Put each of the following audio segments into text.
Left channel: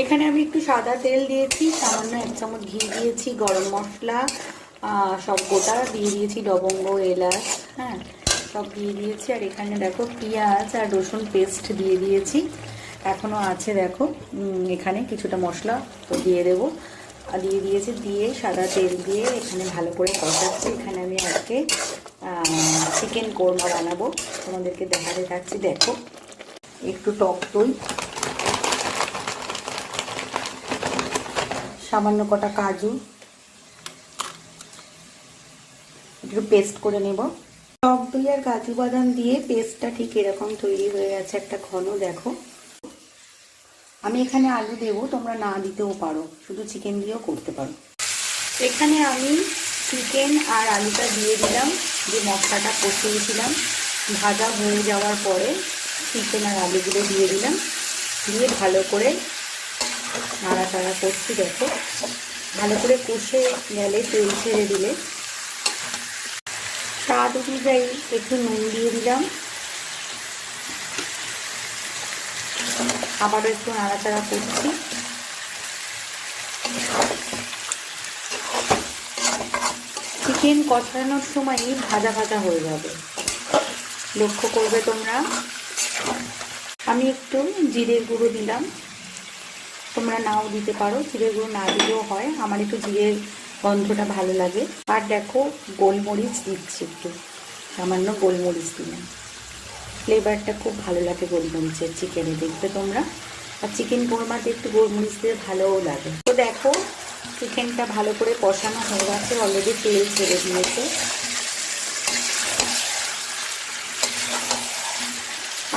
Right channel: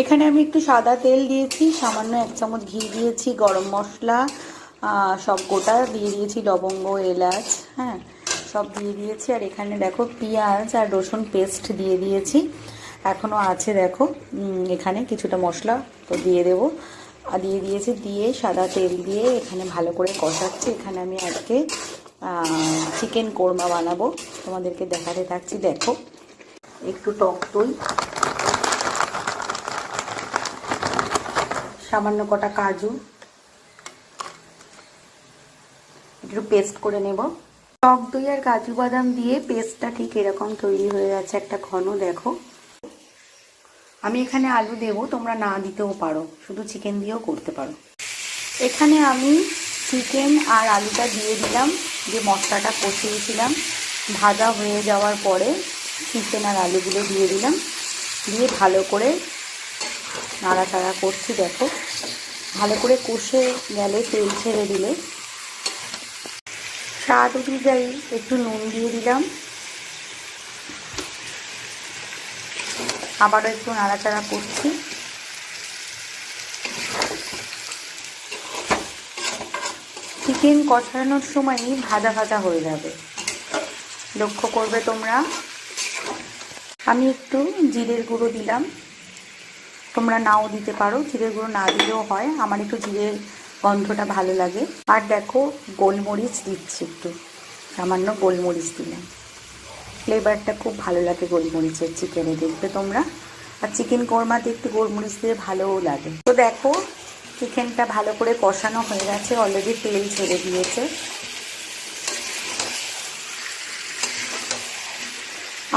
এখানে আমি একটু সাদা তেল দিয়েছি, সামান্য 1 চামচ ঘি দিয়েছি, গরম মশলা সব গোটা দিয়ে দিয়েছি, লবঙ্গ, এলাচ, হ্যাঁ সব দিয়ে দিয়েছি। আর এখানে দেখো পেঁয়াজ আর রসুন পেস্ট দিয়ে দিয়েছি, এখনও আছে দেখো এখানে কিছুটা মশলা, তো দিয়ে দেবো। আর দিয়ে দিয়েছি, দিয়ে সাদা তেল দিয়ে এখানে ভালো করে কষাচ্ছি। এখানে আমি আজকে চিকেন কোরমা বানাবো, তোমাদেরকে দেখাতে থাকছি। দেখো একটু টক দই, সামান্য কটা কাজু, একটু পেস্ট করে নেব। টক দই আর কাজু বাদাম দিয়ে পেস্টটা ঠিক এরকম তৈরি হয়ে গেছে, একটা ঘন। দেখো আমি এখানে আলু দেব, তোমরা না দিতেও পারো, শুধু চিকেন দিয়েও করতে পারো। এখানে আমি চিকেন আর আলুটা দিয়ে দিলাম, যে মশলাটা কষিয়েছিলাম। ভাজা হয়ে যাওয়ার পরে চিকেন আর আলুগুলো দিয়ে দিলাম, দিয়ে ভালো করে নাড়াচাড়া করছি। দেখো ভালো করে কষে গেলে তেল ছেড়ে দিলে স্বাদ অনুযায়ী একটু নুন দিয়ে দিলাম, আবারও একটু নাড়াচাড়া করছি। চিকেন কষানোর সময়ই ভাজা ভাজা হয়ে যাবে, লক্ষ্য করবে তোমরা। আমি একটু জিরের গুঁড়ো দিলাম, তোমরা নাও দিতে পারো, জিরের গুঁড়ো না দিলেও হয়, আমার একটু জিরের গন্ধটা ভালো লাগে। আর দেখো গোলমরিচ দিচ্ছি, একটু সামান্য গোলমরিচ দিলাম, ফ্লেভারটা খুব ভালো লাগে গোলমরিচের চিকেনে, দেখবে তোমরা। আর চিকেন কোরমাতে একটু গোলমরিচ দিয়ে ভালোও লাগে। তো দেখো চিকেনটা ভালো করে কষানো হয়ে গেছে, অলরেডি তেল ছেড়ে দিয়েছে।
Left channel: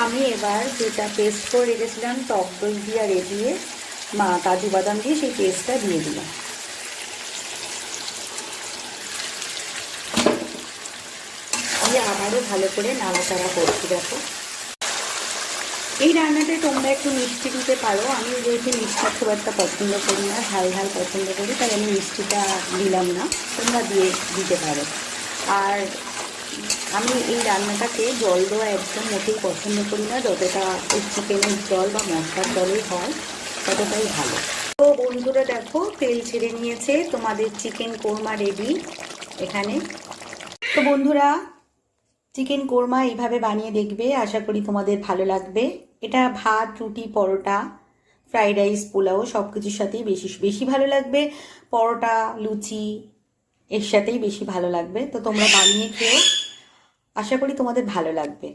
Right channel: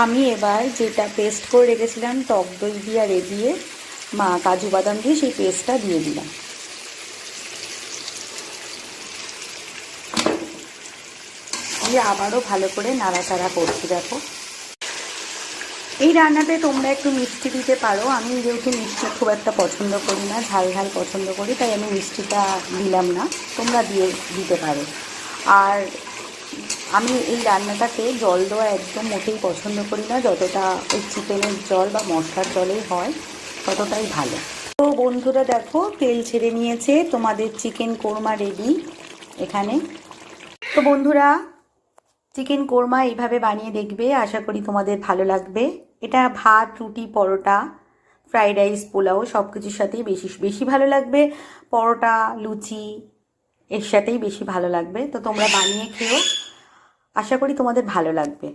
আমি এবার যেটা পেস্ট করে রেখেছিলাম টক দই দিয়ে আর দিয়ে কাজু বাদাম দিয়ে, সেই পেস্টটা দিয়ে দিলাম। দিয়ে আবারও ভালো করে নাড়াচাড়া করছি। দেখো এই রান্নাতে তোমরা একটু মিষ্টি দিতে পারো, আমি যেহেতু মিষ্টি খুব একটা পছন্দ করি না, ঝাল ঝাল পছন্দ করি, তাই আমি মিষ্টিটা দিলাম না, তোমরা দিতে পারো। আর আমি এই রান্নাটাতে জল দেওয়া একদম মোটেই পছন্দ করি না, যতটা ওই চিকেনের জল বা মশলার জলেই হয় ততটাই ভালো। তো বন্ধুরা দেখো তেল ছেড়ে নিয়েছে, তোমাদের চিকেন কোরমা রেডি এখানে। তো বন্ধুরা চিকেন কোরমা এইভাবে বানিয়ে দেখবে, আশা করি তোমাদের ভালো লাগবে। এটা ভাত, রুটি, পরোটা, ফ্রাইড রাইস, পোলাও সব কিছুর সাথেই বেশি ভালো লাগবে। পরোটা, লুচি এর সাথেই বেশি ভালো লাগবে। তো তোমরা বানিয়ে খেও, আশা করি তোমাদের ভালো লাগবে।